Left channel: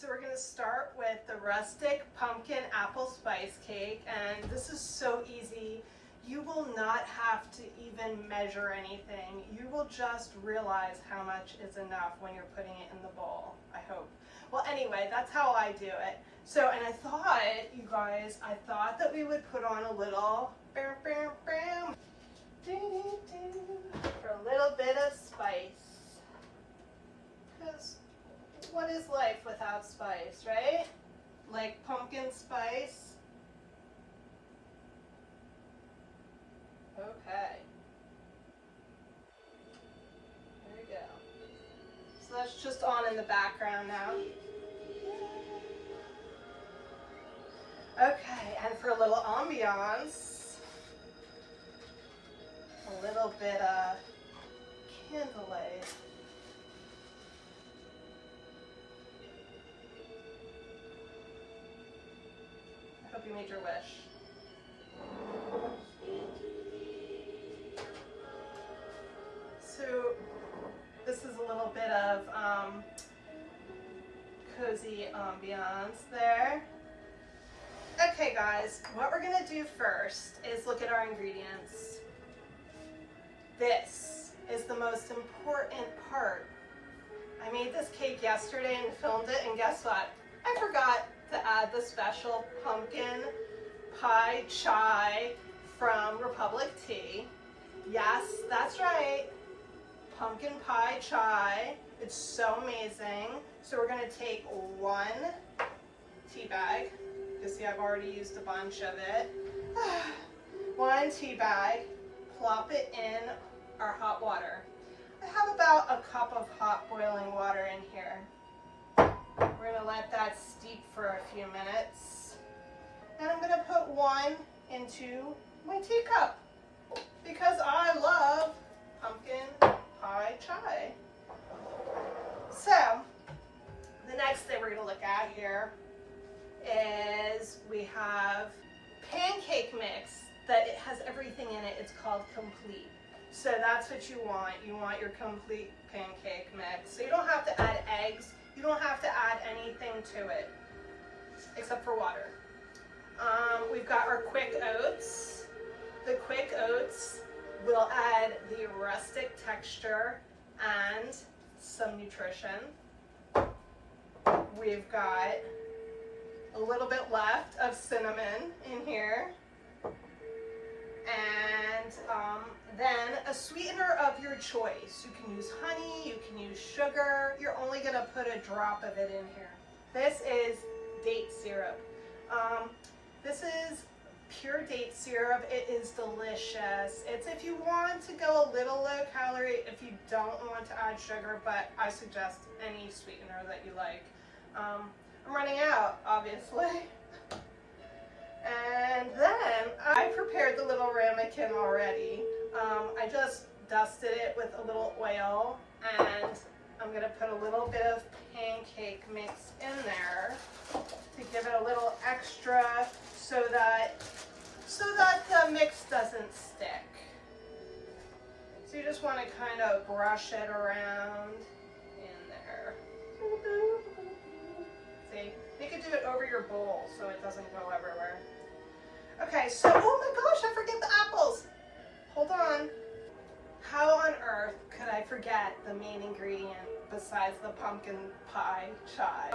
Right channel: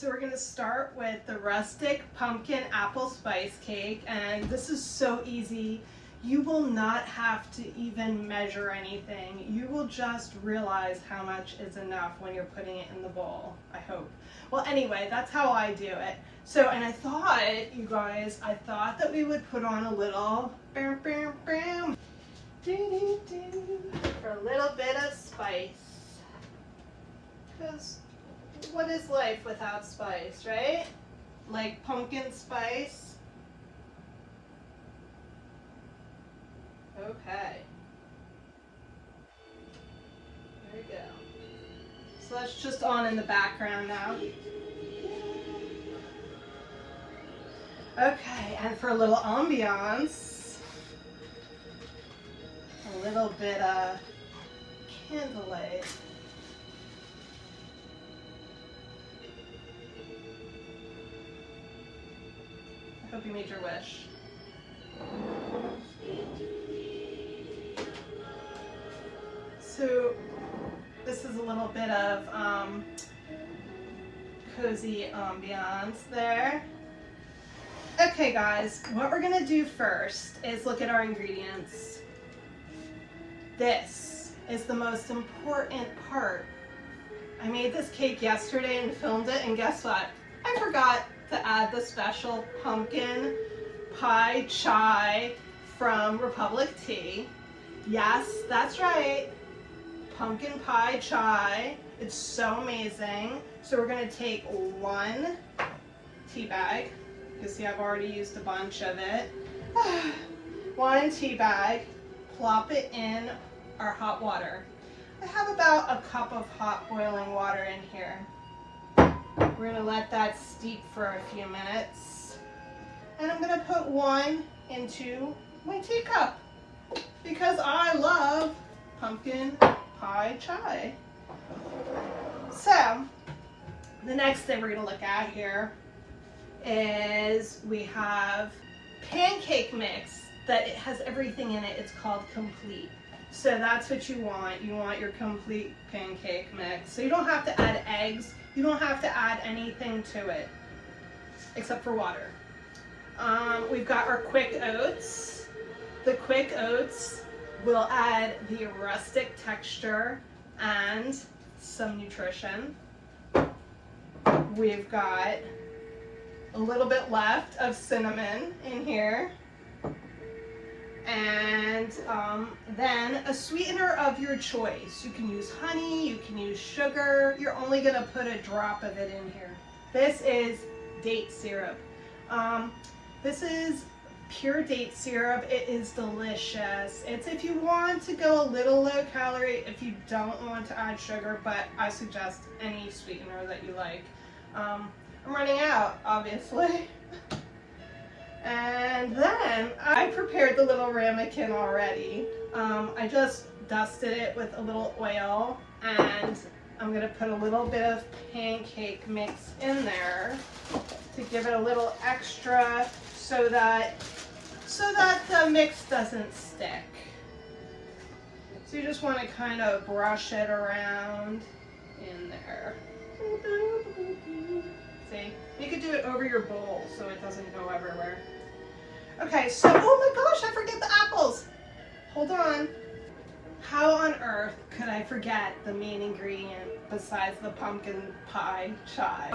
So we're going to start with the Rustic Pumpkin Apple Spice Cake, and this is so easy. You will not have to even measure anything. You will just realize how much is enough when you're putting it in the bowl, I hope. Well, anyway, that's how I do it. So, and I thought, you guys, I thought that we would put on a little bam, bam, bam, for a little bit of spice. Because what is life without spice, right? Like pumpkin spice. Okay. There we go. So that's just on in the background now. Okay, and for a little ambiance, a little bit of candlelight. I hope you made your wish. So this is a little bit of cozy ambiance there. Okay guys, what we're gonna do first is look at our ingredients. This is the most important part. I made this cake yesterday and filmed it, and guess what? I forgot to add the special pumpkin pie chai from Republic Tea. Yes, that's right. Pumpkin pie chai. It's so amazing. So we're gonna take 1 tea bag. You see I've already used a bunch of it. 1 tea bag, plop it in our hot water. I have about a cup of hot boiling water in here. We're gonna let that steep for a few minutes. And I'm gonna put 1 into my teacup because I love pumpkin pie chai. So, the next thing we're gonna look at here is we have pancake mix that it has everything in it. It's called complete. So that's what you want. You want your complete pancake mix. So you don't have to add eggs. You don't have to add anything to it except for water. We've got our quick oats. The quick oats will add the rustic texture and some nutrition. We've got a little bit left of cinnamon in here. And then a sweetener of your choice. You can use honey, you can use sugar. You're only gonna put a drop of it in here. This is date syrup. This is pure date syrup. It is delicious. It's if you want to go a little low calorie, if you don't want to add sugar, but I suggest any sweetener that you like. I'm running out, obviously. And then I prepared the little ramekin already. I just dusted it with a little oil, and I'm gonna put a little bit of pancake mix in there to give it a little extra so that the mix doesn't stick. So you just want to kind of brush it around in there. See? You could do it over your bowl so it doesn't go everywhere. Okay, so, oh my gosh, I forget the apples. Hold on. How on earth could I forget the main ingredient besides the pumpkin pie chai?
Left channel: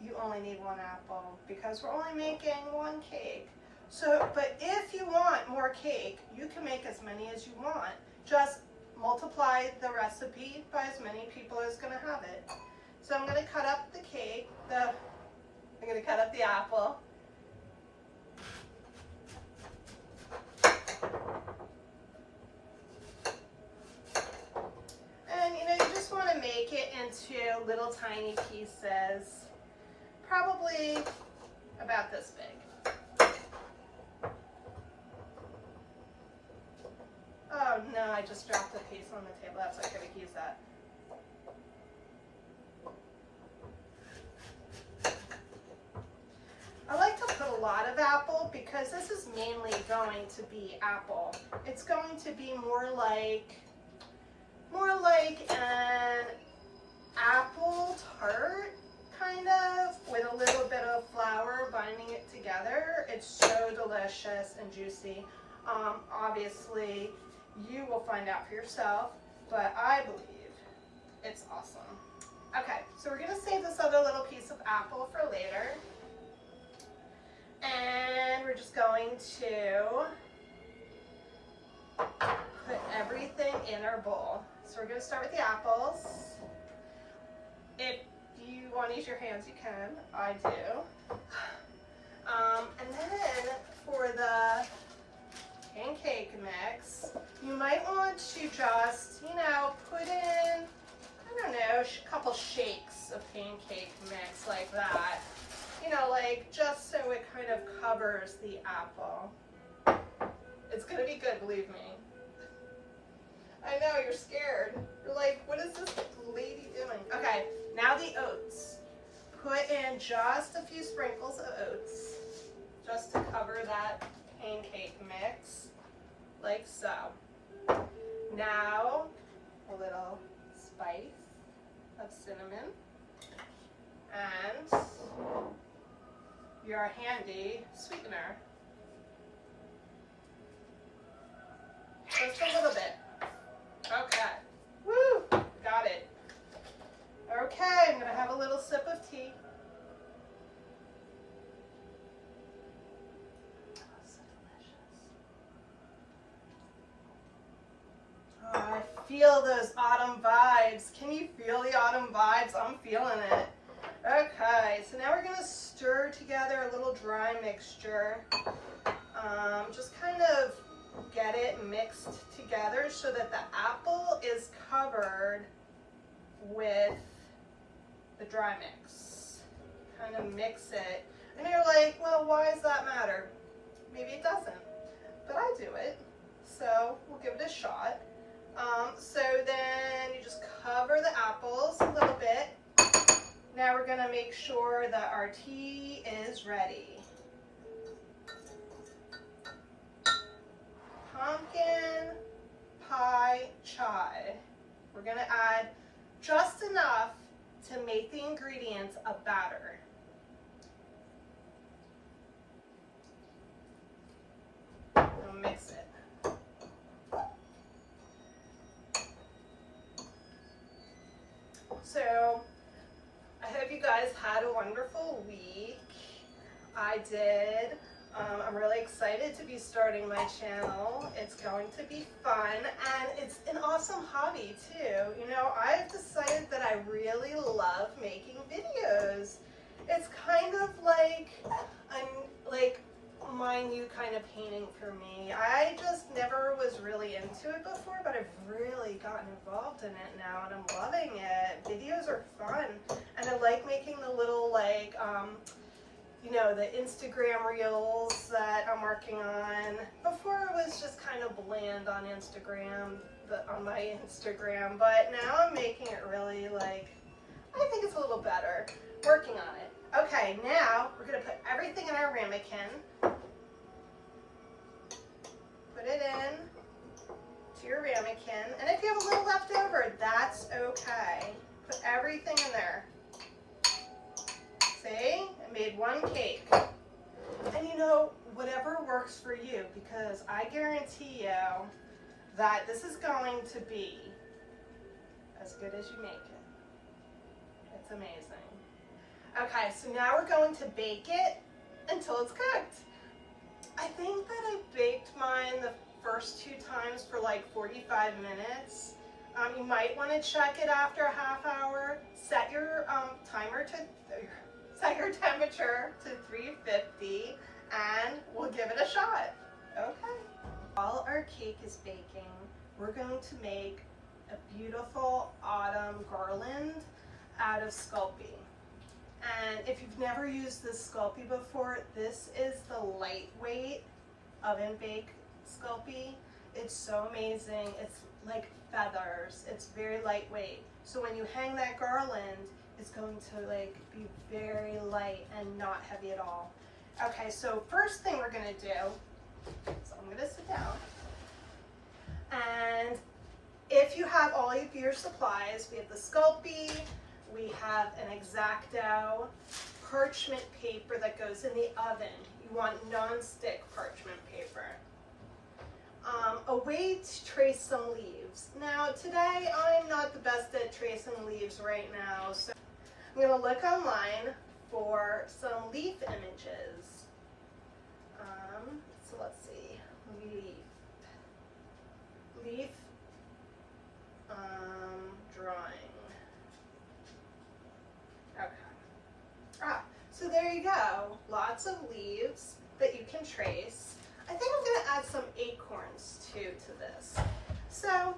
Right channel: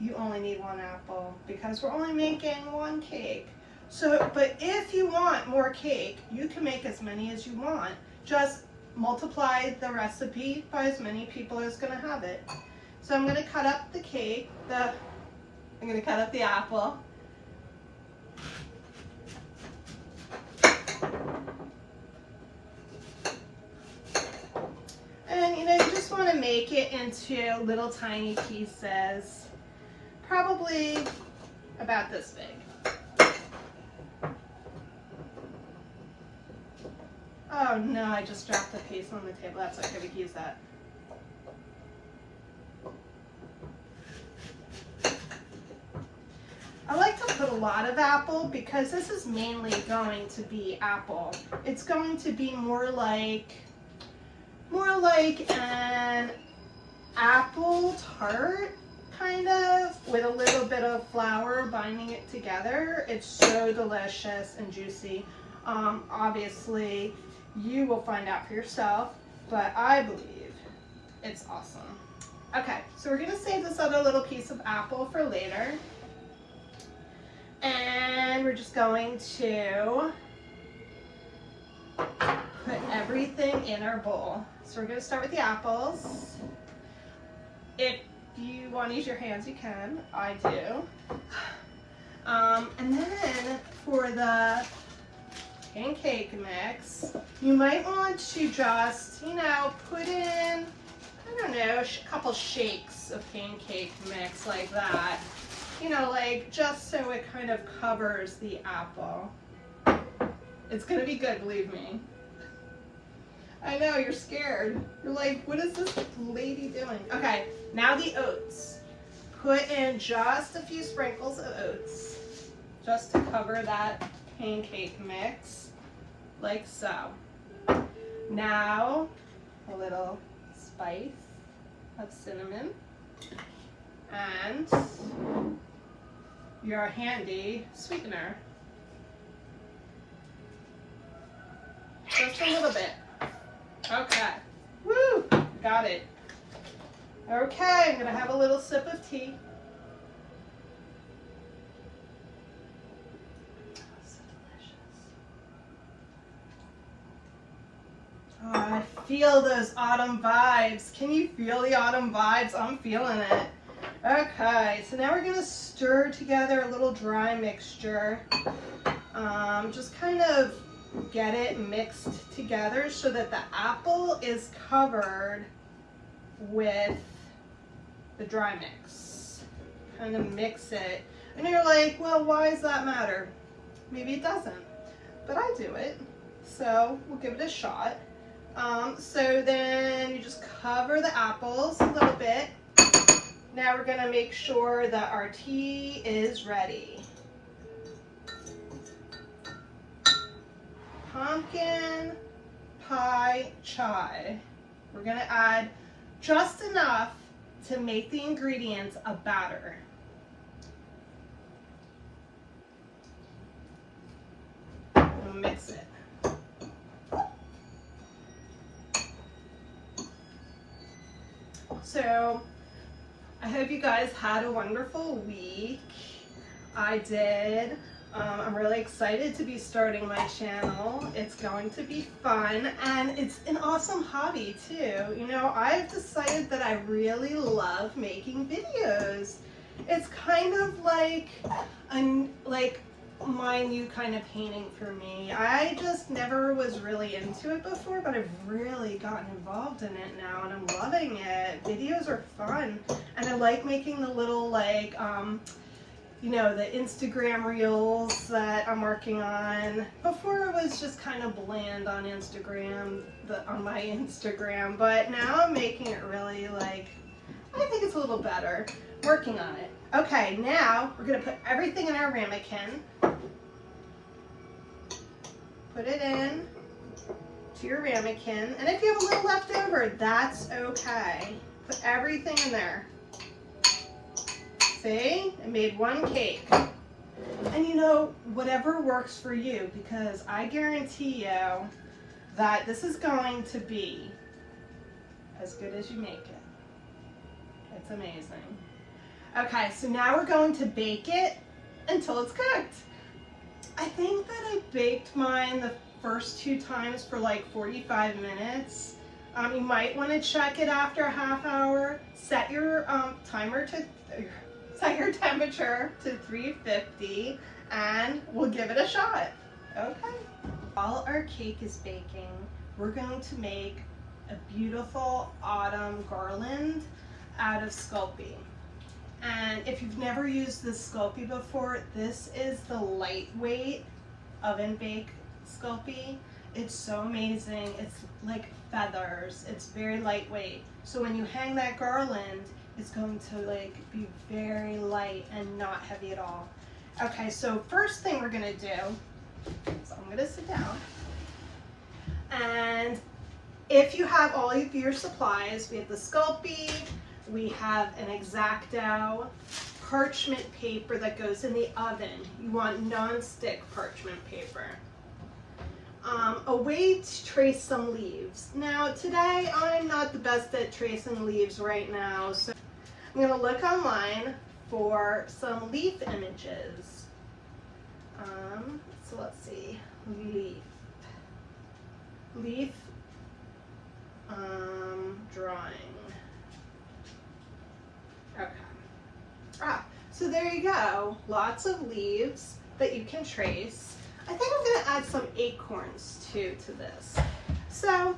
You only need 1 apple because we're only making 1 cake. So, but if you want more cake, you can make as many as you want. Just multiply the recipe by as many people as gonna have it. So I'm gonna cut up the cake, I'm gonna cut up the apple. And you know, you just wanna make it into little tiny pieces, probably about this big. Oh no, I just dropped a piece on the table. That's okay, we can use that. I like to put a lot of apple because this is mainly going to be apple. It's going to be more like an apple tart kind of, with a little bit of flour binding it together. It's so delicious and juicy. Obviously, you will find out for yourself, but I believe it's awesome. Okay, so we're gonna save this other little piece of apple for later. And we're just going to put everything in our bowl. So we're gonna start with the apples. If you want to use your hands, you can. I do. And then for the pancake mix, you might want to just, you know, put in, I don't know, a couple shakes of pancake mix like that. You know, like just so it kind of covers the apple. It's gonna be good, believe me. I know, you're scared. You're like, what is this lady doing? Okay, now the oats. Put in just a few sprinkles of oats, just to cover that pancake mix, like so. Now, a little spice of cinnamon, and your handy sweetener. Just a little bit. Okay. Woo! Got it. Okay, I'm gonna have a little sip of tea. So delicious. Oh, I feel those autumn vibes. Can you feel the autumn vibes? I'm feeling it. Okay, so now we're gonna stir together a little dry mixture. Just kind of get it mixed together so that the apple is covered with the dry mix. Kind of mix it. And you're like, well, why does that matter? Maybe it doesn't, but I do it. So we'll give it a shot. So then you just cover the apples a little bit. Now we're gonna make sure that our tea is ready. Pumpkin pie chai. We're gonna add just enough to make the ingredients a batter. And mix it. So, I hope you guys had a wonderful week. I did. I'm really excited to be starting my channel. It's going to be fun, and it's an awesome hobby too. You know, I've decided that I really love making videos. It's kind of like my new kind of painting for me. I just never was really into it before, but I've really gotten involved in it now, and I'm loving it. Videos are fun, and I like making the little you know, the Instagram reels that I'm working on. Before it was just kind of bland on Instagram, on my Instagram, but now I'm making it really I think it's a little better. Working on it. Okay, now we're gonna put everything in our ramekin. Put it in to your ramekin, and if you have a little left over, that's okay. Put everything in there. See, I made one cake. And you know, whatever works for you, because I guarantee you that this is going to be as good as you make it. It's amazing. Okay, so now we're going to bake it until it's cooked. I think that I baked mine the first 2 times for like 45 minutes. You might want to check it after a half hour. Set your set your temperature to 350, and we'll give it a shot. Okay. While our cake is baking, we're going to make a beautiful autumn garland out of Sculpey. And if you've never used this Sculpey before, this is the lightweight oven bake Sculpey. It's so amazing. It's like feathers. It's very lightweight. So when you hang that garland, it's going to be very light and not heavy at all. Okay, so first thing we're gonna do, so I'm gonna sit down. And if you have all of your supplies, we have the Sculpey, we have an X-Acto parchment paper that goes in the oven. You want non-stick parchment paper. A way to trace some leaves. Now today I'm not the best at tracing leaves right now, so I'm going to look online for some leaf images. So let's see, leaf drawing. Okay. So there you go. Lots of leaves that you can trace. I think I'm going to add some acorns too to this. So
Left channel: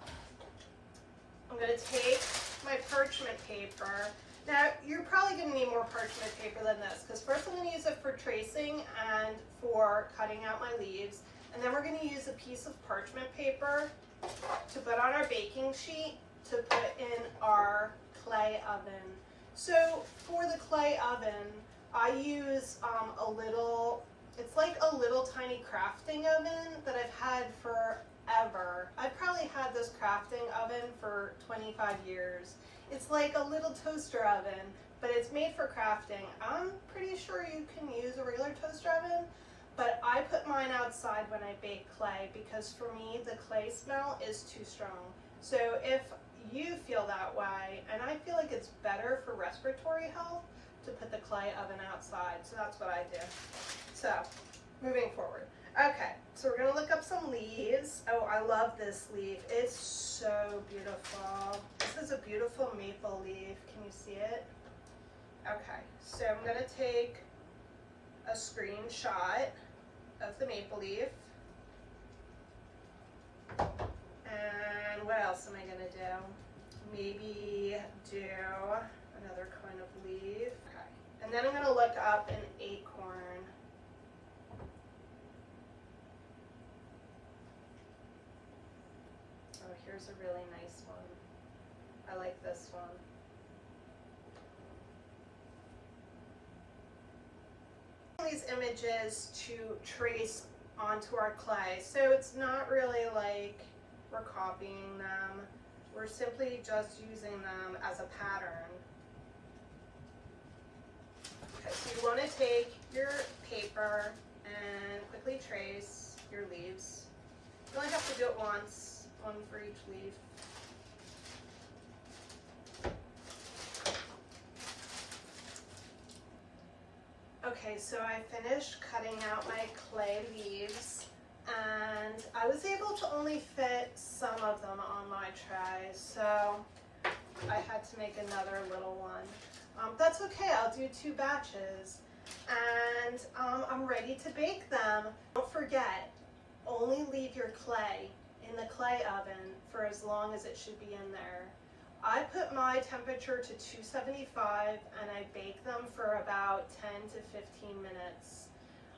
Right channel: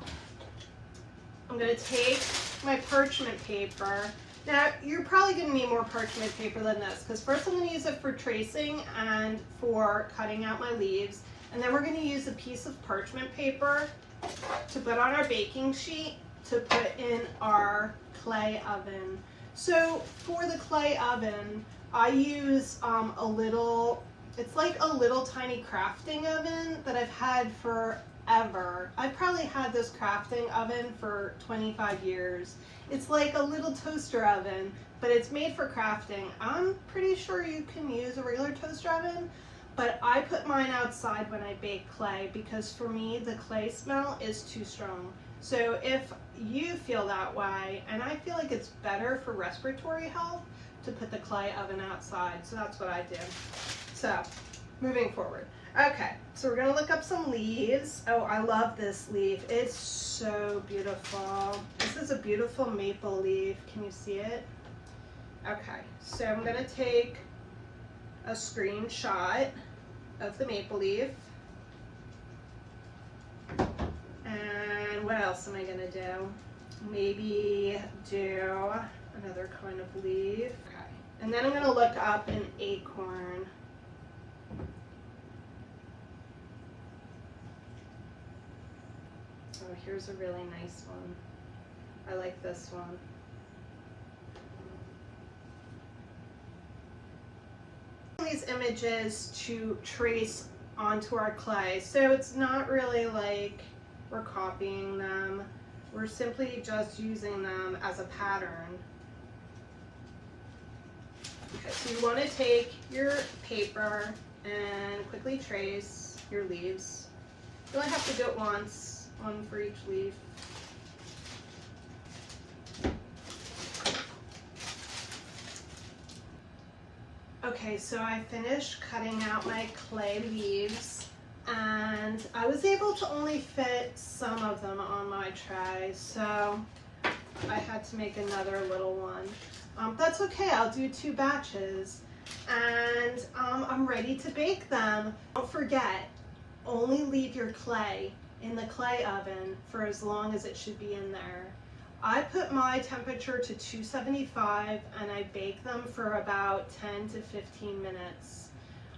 I'm going to take my parchment paper. Now you're probably going to need more parchment paper than this, because first I'm going to use it for tracing and for cutting out my leaves, and then we're going to use a piece of parchment paper to put on our baking sheet to put in our clay oven. So for the clay oven, I use a little, it's like a little tiny crafting oven that I've had forever. I've probably had this crafting oven for 25 years. It's like a little toaster oven, but it's made for crafting. I'm pretty sure you can use a regular toaster oven, but I put mine outside when I bake clay because for me the clay smell is too strong. So if you feel that way, and I feel like it's better for respiratory health to put the clay oven outside, so that's what I do. So moving forward. Okay, so we're gonna look up some leaves. Oh, I love this leaf. It's so beautiful. This is a beautiful maple leaf. Can you see it? Okay, so I'm gonna take a screenshot of the maple leaf. And what else am I gonna do? Maybe do another kind of leaf. Okay, and then I'm gonna look up an acorn. Oh, here's a really nice one. I like this one. These images to trace onto our clay, so it's not really like we're copying them. We're simply just using them as a pattern. Okay, so you want to take your paper and quickly trace your leaves. You only have to do it once, one for each leaf. Okay, so I finished cutting out my clay leaves, and I was able to only fit some of them on my tray, so I had to make another little one. That's okay, I'll do 2 batches, and I'm ready to bake them. Don't forget, only leave your clay in the clay oven for as long as it should be in there. I put my temperature to 275 and I bake them for about 10 to 15 minutes.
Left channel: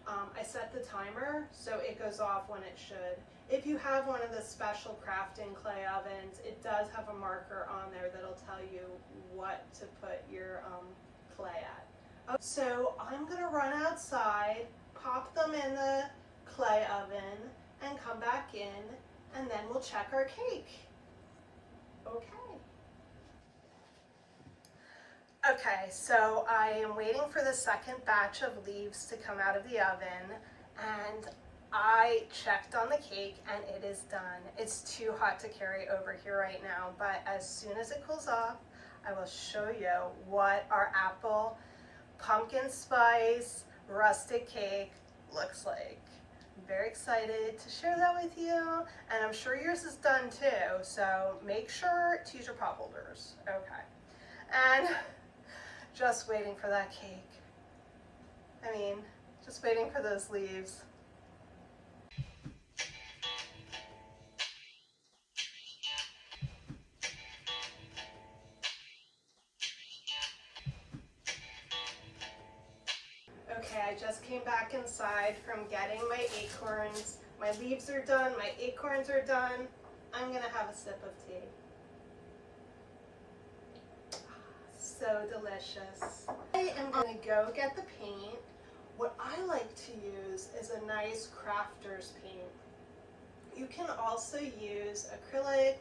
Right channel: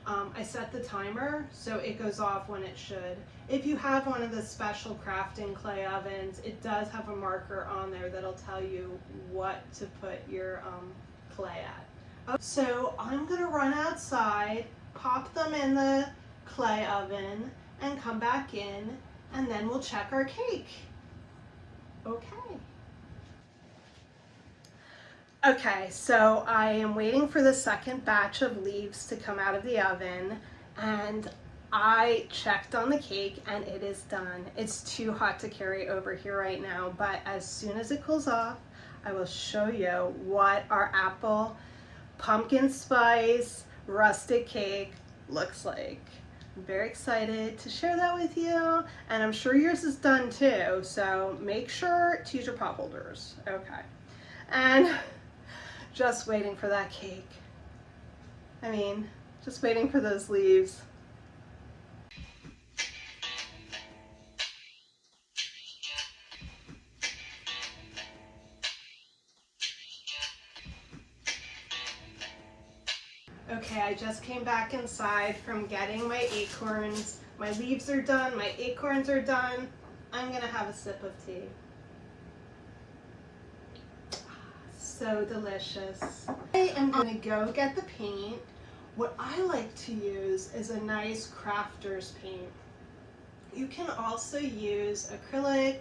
I set the timer so it goes off when it should. If you have one of the special crafting clay ovens, it does have a marker on there that'll tell you what to put your clay at. So I'm gonna run outside, pop them in the clay oven, and come back in, and then we'll check our cake. Okay. Okay, so I am waiting for the second batch of leaves to come out of the oven, and I checked on the cake and it is done. It's too hot to carry over here right now, but as soon as it cools off, I will show you what our apple pumpkin spice rustic cake looks like. I'm very excited to share that with you, and I'm sure yours is done too, so make sure to use your pot holders. Okay, and just waiting for that cake. I mean, just waiting for those leaves. Okay, I just came back inside from getting my acorns. My leaves are done, my acorns are done. I'm gonna have a sip of tea. So delicious. I am gonna go get the paint. What I like to use is a nice crafter's paint. You can also use acrylic,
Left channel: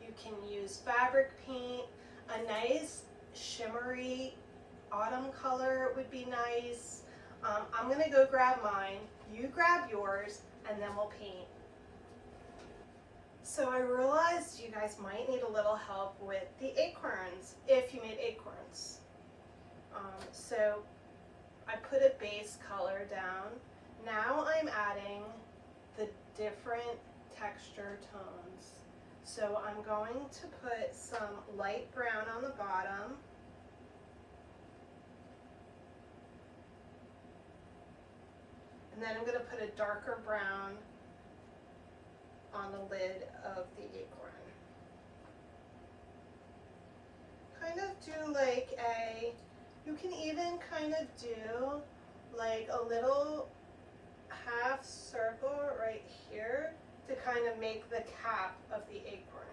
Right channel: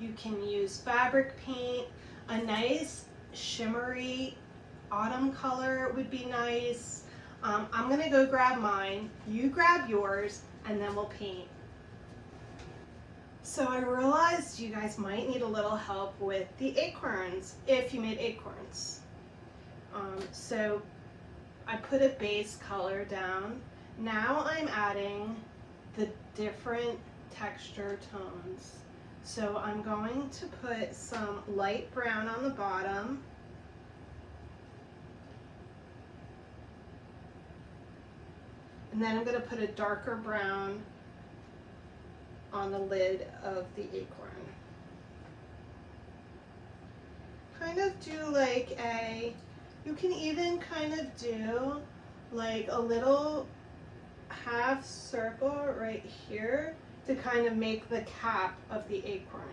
you can use fabric paint. A nice shimmery autumn color would be nice. I'm gonna go grab mine, you grab yours, and then we'll paint. So I realized you guys might need a little help with the acorns if you made acorns. So I put a base color down. Now I'm adding the different texture tones. So I'm going to put some light brown on the bottom. And then I'm going to put a darker brown on the lid of the acorn. Kind of do like you can even kind of do like a little half circle right here to kind of make the cap of the acorn.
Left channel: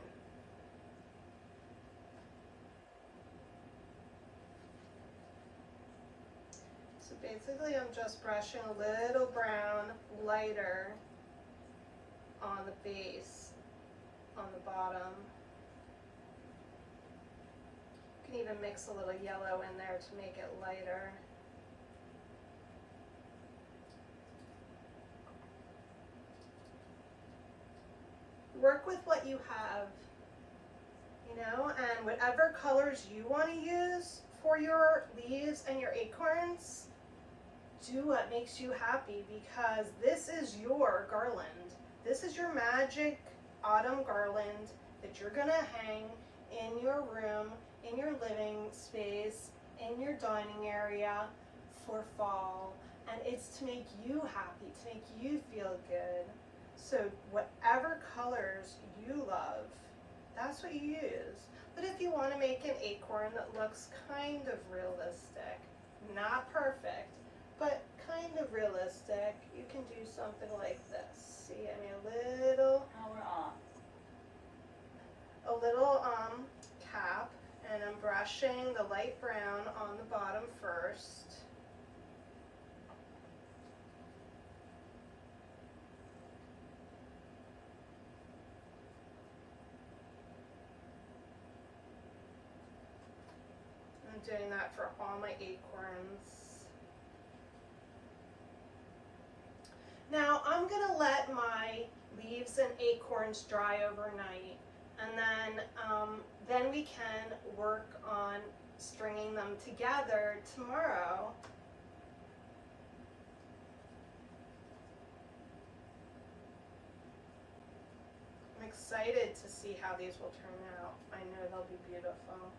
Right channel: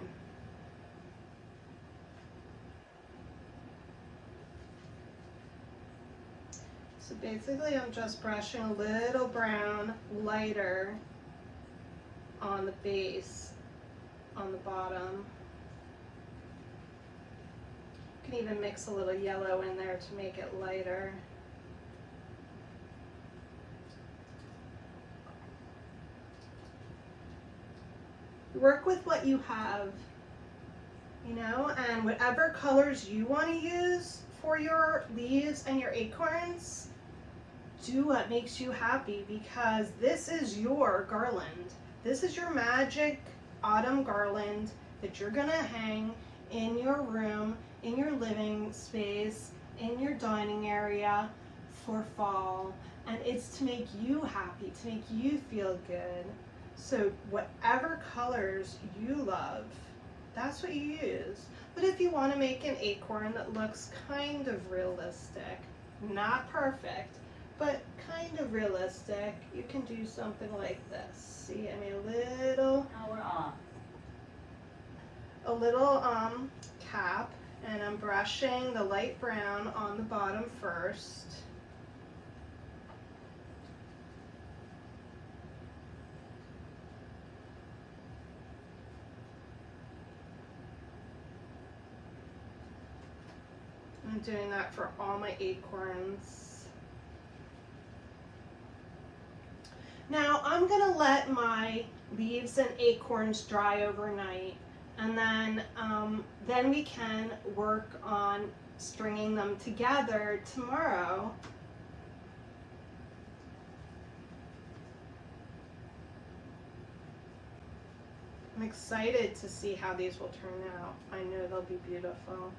So basically I'm just brushing a little brown lighter on the base, on the bottom. You can even mix a little yellow in there to make it lighter. Work with what you have, you know, and whatever colors you want to use for your leaves and your acorns, do what makes you happy, because this is your garland. This is your magic autumn garland that you're gonna hang in your room, in your living space, in your dining area for fall. And it's to make you happy, to make you feel good. So whatever colors you love, that's what you use. But if you want to make an acorn that looks kind of realistic, not perfect, but kind of realistic, you can do something like this. See, I made a little cap, and I'm brushing the light brown on the bottom first. I'm doing that for all my acorns. Now I'm gonna let my leaves and acorns dry overnight, and then we can work on stringing them together tomorrow. I'm excited to see how these will turn out. I know they'll be beautiful.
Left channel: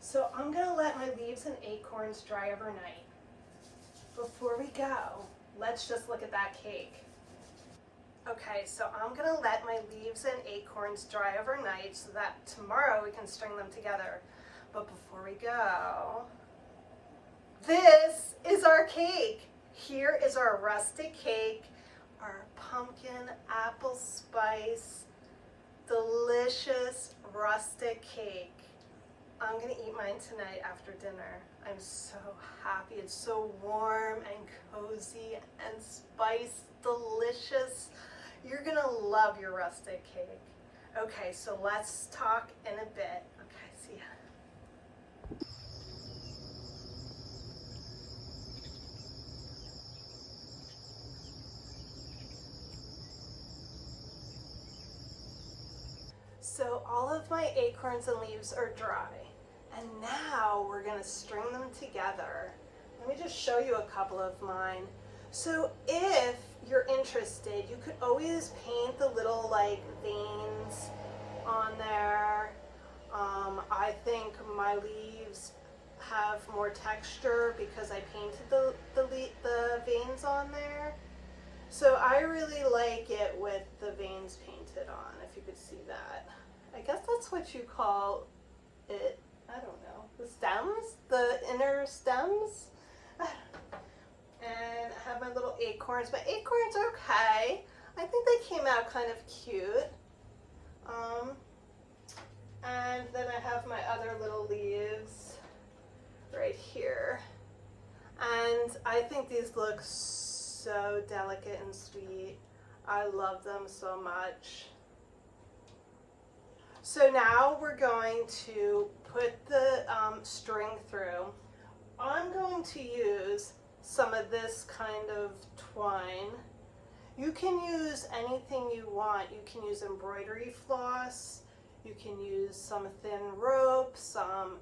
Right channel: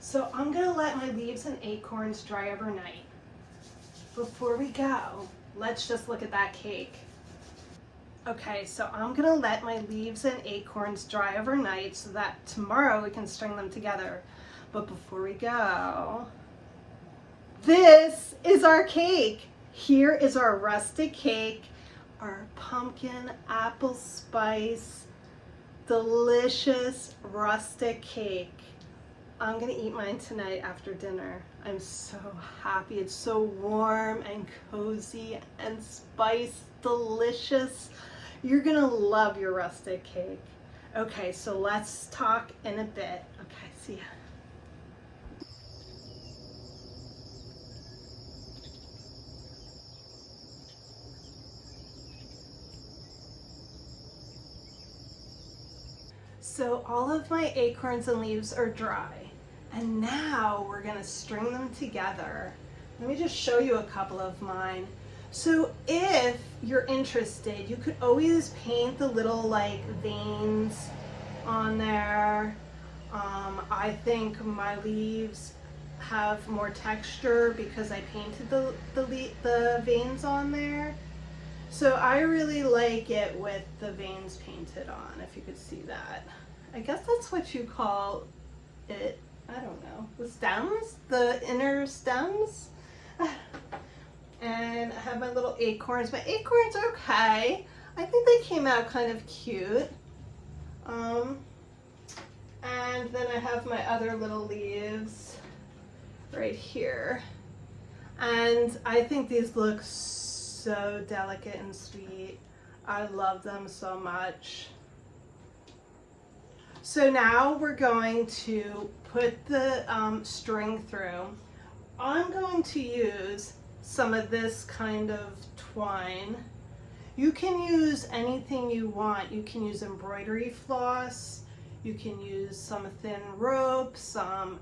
So I'm gonna let my leaves and acorns dry overnight. Before we go, let's just look at that cake. Okay, so I'm gonna let my leaves and acorns dry overnight so that tomorrow we can string them together. But before we go, this is our cake. Here is our rustic cake, our pumpkin apple spice, delicious rustic cake. I'm gonna eat mine tonight after dinner. I'm so happy. It's so warm and cozy and spiced, delicious. You're gonna love your rustic cake. Okay, so let's talk in a bit. Okay, see ya. So all of my acorns and leaves are dry. And now we're gonna string them together. Let me just show you a couple of mine. So if you're interested, you could always paint the little like veins on there. I think my leaves have more texture because I painted the veins on there. So I really like it with the veins painted on, if you could see that. I guess that's what you call it. I don't know. The stems? The inner stems? And I have my little acorns. My acorns are okay. I think they came out kind of cute. And then I have my other little leaves right here. And I think these look so delicate and sweet. I love them so much. So now we're going to put the string through. I'm going to use some of this kind of twine. You can use anything you want. You can use embroidery floss. You can use some thin rope, some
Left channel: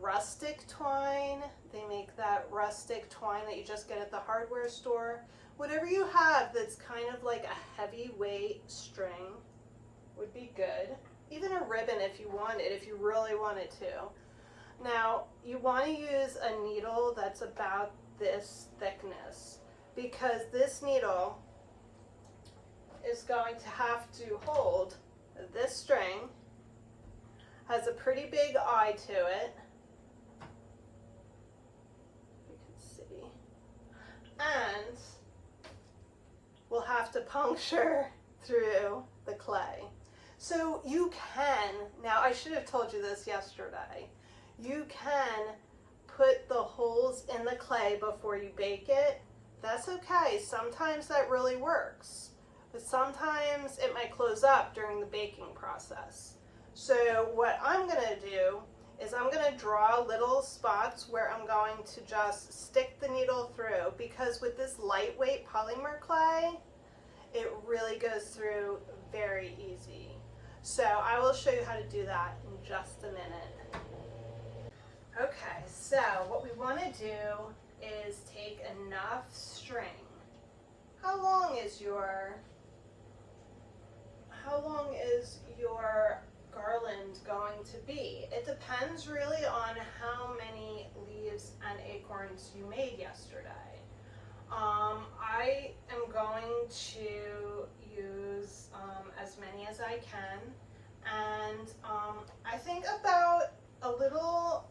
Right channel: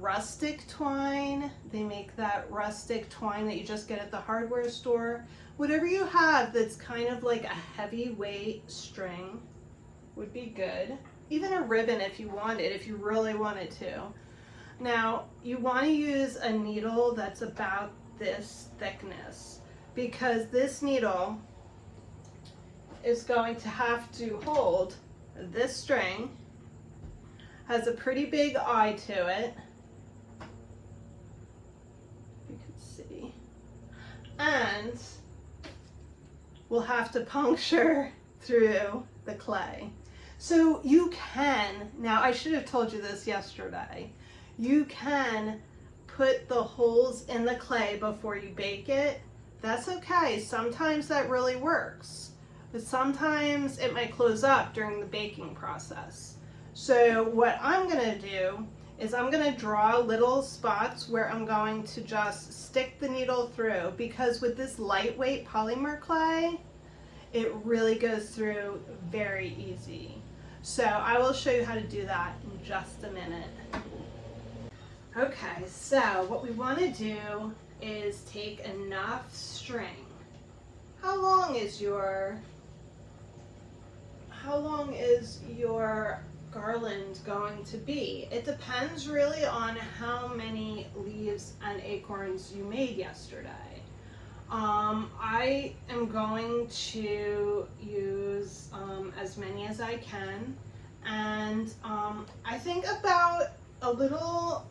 rustic twine. They make that rustic twine that you just get at the hardware store. Whatever you have that's kind of like a heavyweight string would be good. Even a ribbon if you wanted, if you really wanted to. Now, you want to use a needle that's about this thickness, because this needle is going to have to hold this string. Has a pretty big eye to it, you can see, and we'll have to puncture through the clay. So you can, now I should have told you this yesterday, you can put the holes in the clay before you bake it. That's okay. Sometimes that really works, but sometimes it might close up during the baking process. So what I'm gonna do is I'm gonna draw little spots where I'm going to just stick the needle through, because with this lightweight polymer clay, it really goes through very easy. So I will show you how to do that in just a minute. Okay, so what we want to do is take enough string. How long is your garland going to be? It depends really on how many leaves and acorns you made yesterday. I am going to use as many as I can, and I think about a little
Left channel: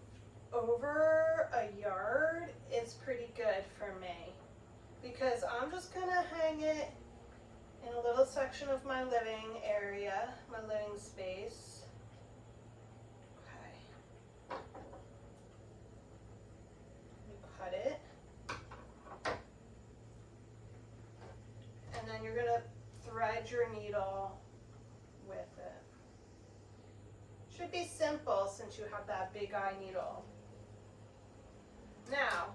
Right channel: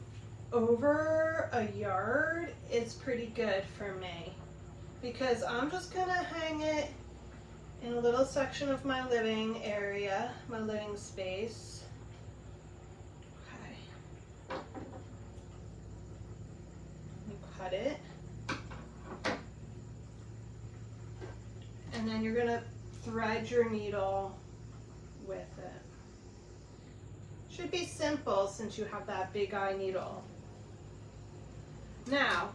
over a yard is pretty good for me, because I'm just gonna hang it in a little section of my living area, my living space. Okay. Cut it. And then you're gonna thread your needle with it. Should be simple since you have that big eye needle. Now,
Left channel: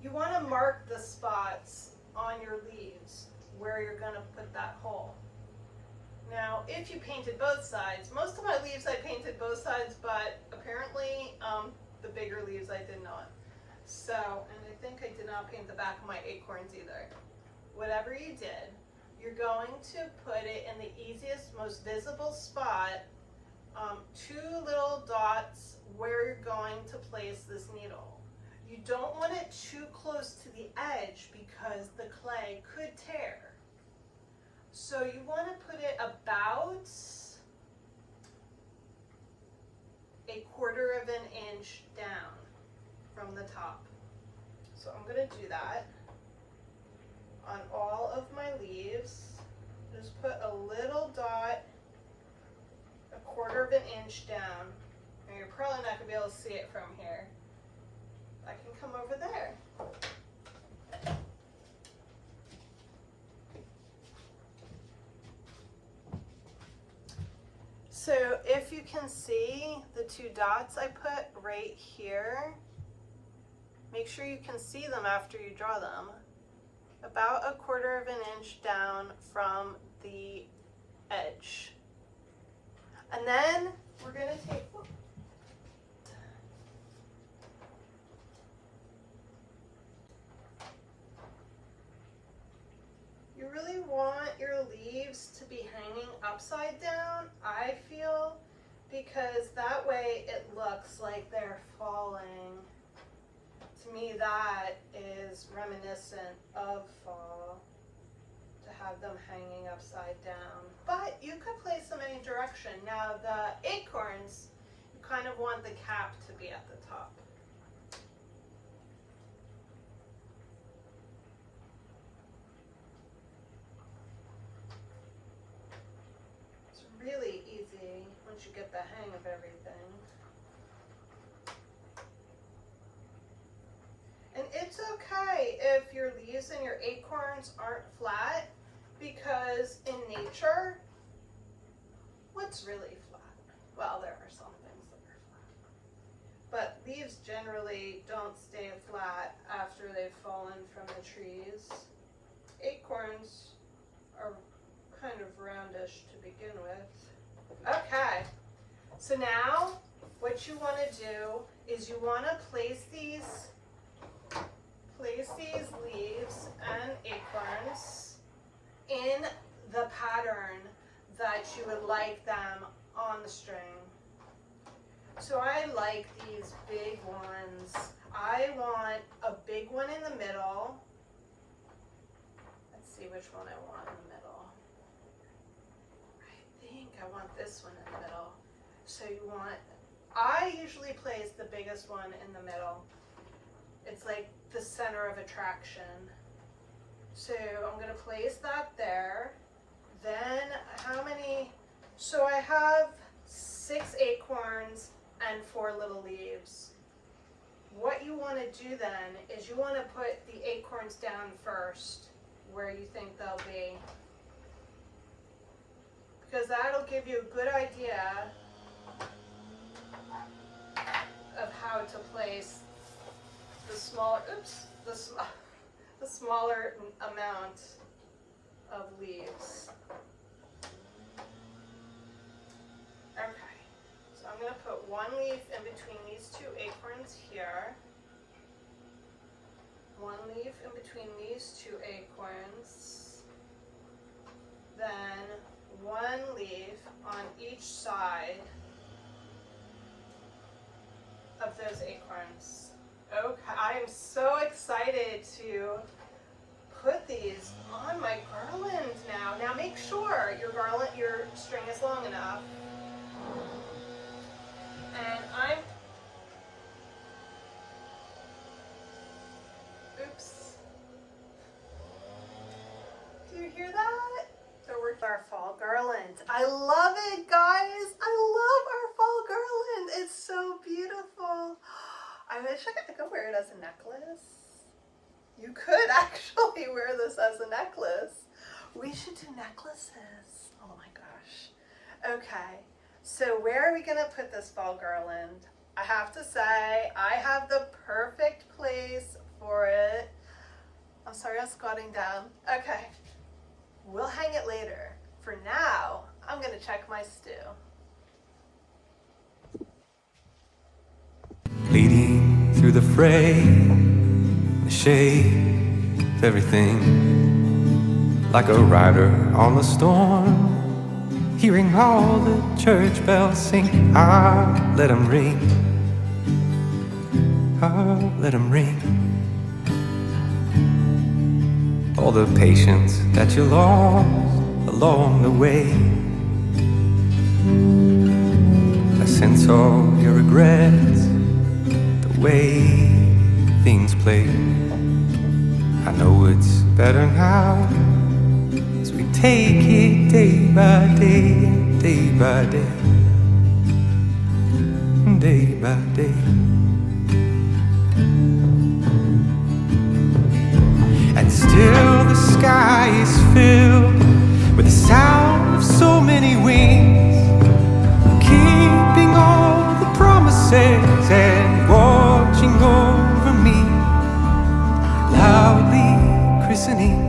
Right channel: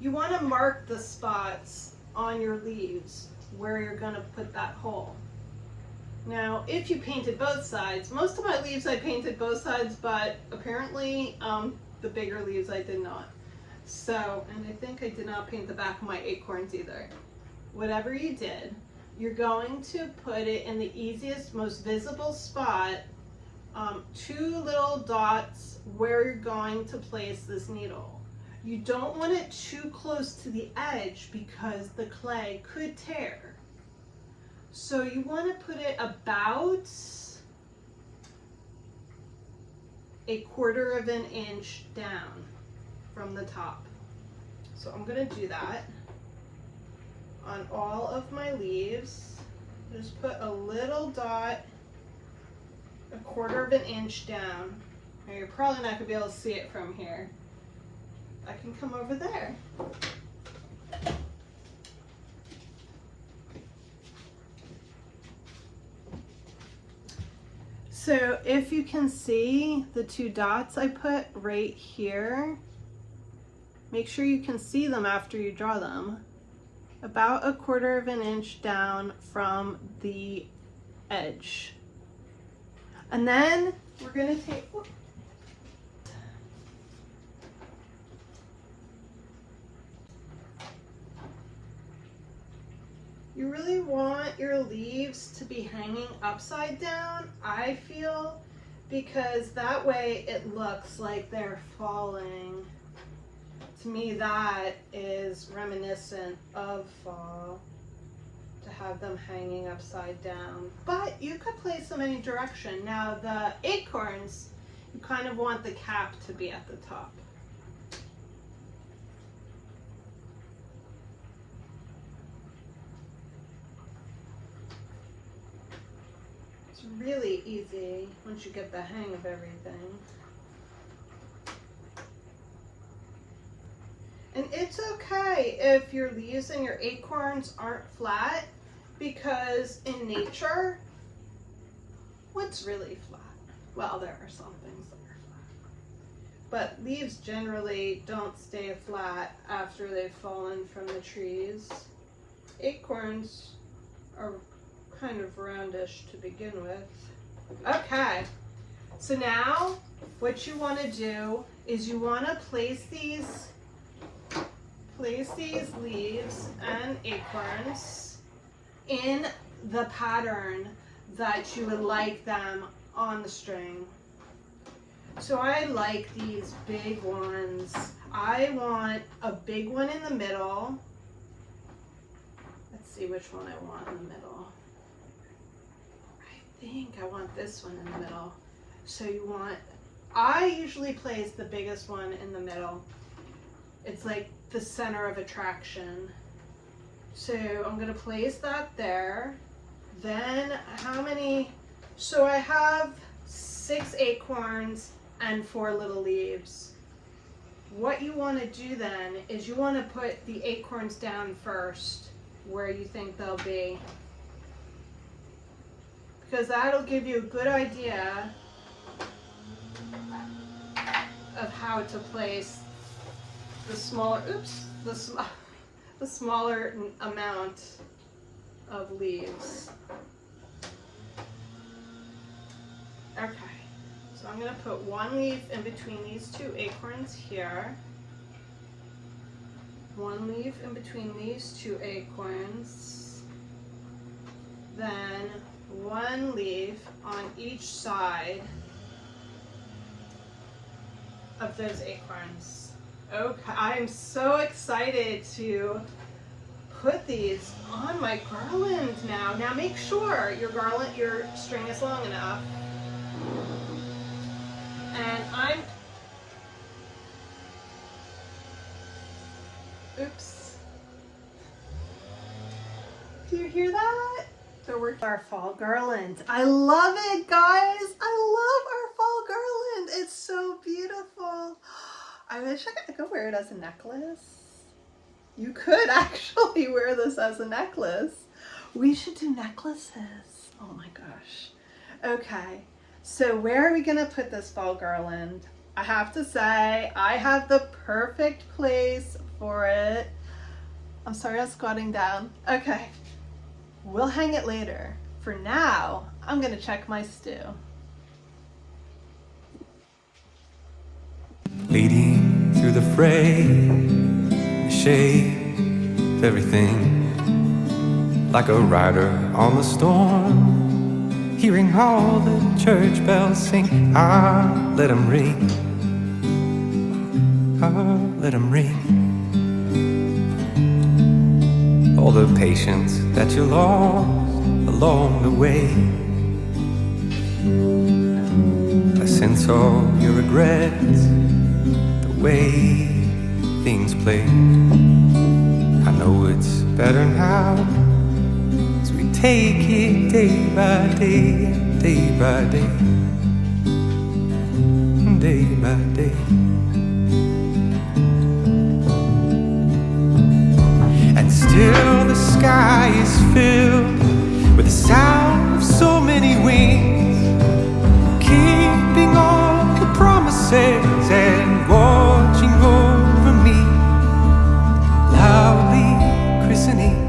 you want to mark the spots on your leaves where you're going to put that hole. Now, if you painted both sides, most of my leaves I painted both sides, but apparently the bigger leaves I did not. So, and I think I did not paint the back of my acorns either. Whatever you did, you're going to put it in the easiest, most visible spot, 2 little dots where you're going to place this needle. You don't want it too close to the edge because the clay could tear. So you want to put it about 1/4 of an inch down from the top. So I'm going to do that on all of my leaves. Just put a little dot 1/4 of an inch down. Now you're probably not going to be able to see it from here. I can come over there. So if you can see the 2 dots I put right here, make sure you can see them after you draw them. About 1/4 of an inch down from the edge. And then we're going to take, you really want your leaves to be hanging upside down, I feel, because that way it looks like they're falling. To me, that is reminiscent of fall. to have them hanging upside down. But you could place them any direction. Now the acorns, you kind of want the cap to be at the top. It's really easy once you get the hang of everything. And it's okay if your leaves and your acorns aren't flat, because in nature, what's really flat? Well, there are some things that are flat. But leaves generally don't stay flat after they've fallen from the trees. Acorns are kind of roundish to begin with. Okay, so now what you want to do is you want to place these leaves and acorns in the pattern that you would like them on the string. So I like these big ones. I want a big one in the middle. Let's see which one I want in the middle. I think I want this one in the middle. So I usually place the biggest one in the middle. It's like the center of attraction. So I'm gonna place that there. Then how many? So I have 6 acorns and 4 little leaves. What you want to do then is you want to put the acorns down first where you think they'll be, because that'll give you a good idea of how to place the smaller, the smaller amount of leaves. Okay, so I'm going to put 1 leaf in between these 2 acorns here. 1 leaf in between these 2 acorns. Then 1 leaf on each side of those acorns. Okay, I am so excited to put these on my garland now. Now make sure your string is long enough. And oops. Do you hear that? They're working our fall garland. I love it, guys. I love our fall garland. It's so beautiful. I wish I could wear it as a necklace. You could actually wear this as a necklace. We should do necklaces. Oh my gosh. Okay, so where are we gonna put this fall garland? I have to say, I have the perfect place for it. I'm sorry, I'm squatting down. Okay, we'll hang it later. For now, I'm gonna check my stew. Leading through the fray, the shade of everything, like a rider on the storm, hearing all the church bells sing. Ah, let them ring. Ah, let them ring. All the patience that you lost along the way, I sense all your regrets, the way things play. I know it's better now, as we take it day by day, day by day, day by day. And still the sky is filled with the sound of so many wings, keeping all the promises and watching over me, loudly christening.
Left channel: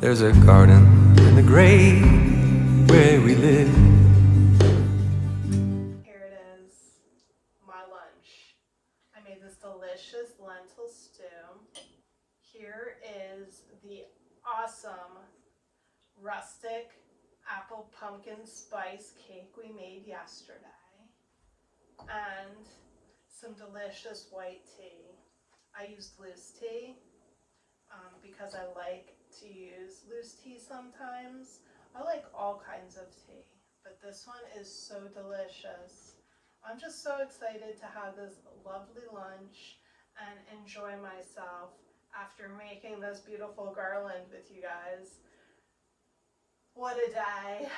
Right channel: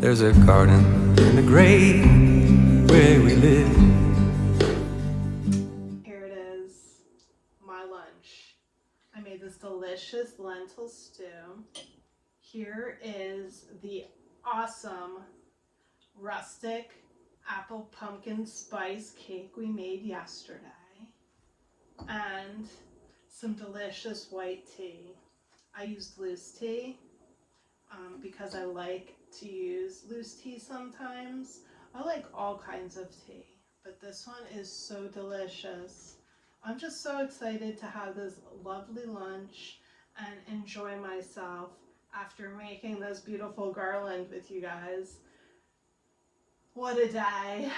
There's a garden in the grave where we live. Here it is, my lunch. I made this delicious lentil stew. Here is the awesome rustic apple pumpkin spice cake we made yesterday, and some delicious white tea. I used loose tea because I like to use loose tea sometimes. I like all kinds of tea, but this one is so delicious. I'm just so excited to have this lovely lunch and enjoy myself after making this beautiful garland with you guys. What a day.